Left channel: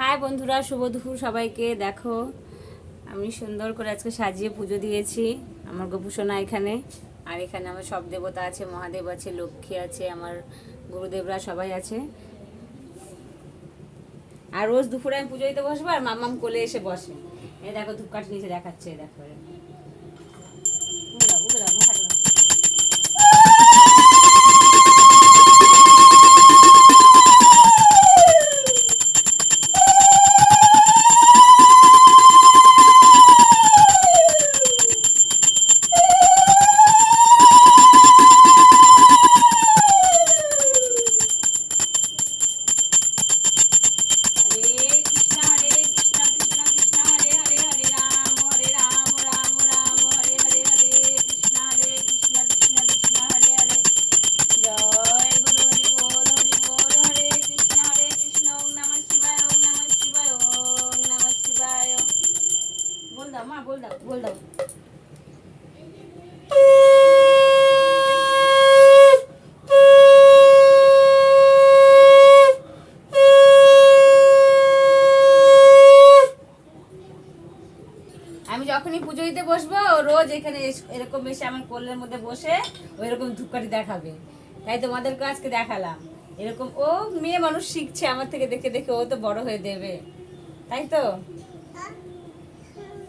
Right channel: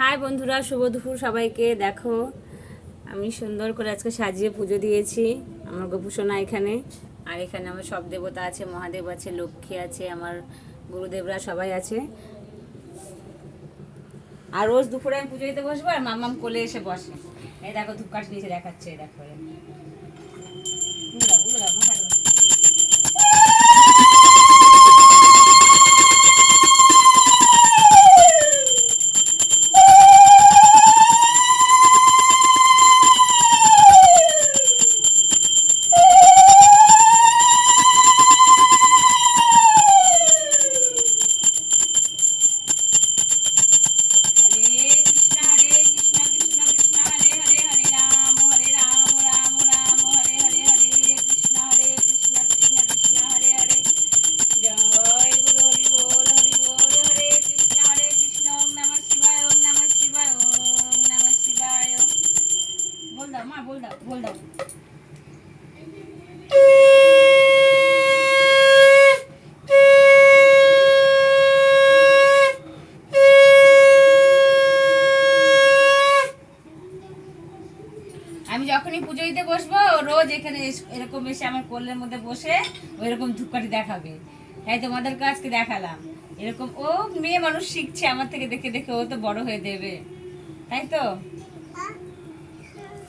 High বন্ধুরা, শুভ দুপুর সবাইকে। দেখো, আমি সুন্দর করে আজকে সাজিয়ে পুজো দিয়েছি আমার গোপুসোনা এখানে। আর এখানে আমার সব দেবতা আছে, মহাদেব আছে, লক্ষ্মী আছে, আমার গুরুদেবরা সবাই আছে। আর রোজ দুপুরে আমি পুজো দিতে বসবো আর মামাম কোলে এসে বসে। এই দেখো ধূপকাঠি নিচে দেখাচ্ছে দেখো। আমি যখনই পুজো দিতে বসবো রোজ এখানে এরকম এসে আমার কোলের মধ্যে বসে ওই রকম ধূপকাঠি দেখাবে। তাই তোমাদেরকে আজকে দেখালাম। এরকম ও মেয়ে মানুষ শিখছে আমার থেকে দেখে দেখে ও তো বড় হয়ে দেবে। তাই তো?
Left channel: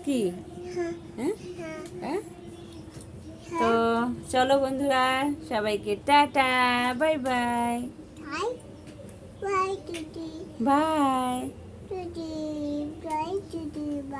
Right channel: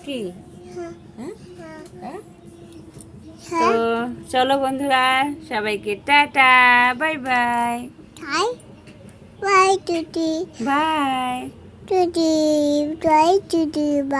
কি হ্যাঁ হ্যাঁ তো চলো বন্ধুরা সবাইকে tata bye bye Hi. Bye, Tutti. Bye Tutti. Bye, Tutti. Bye.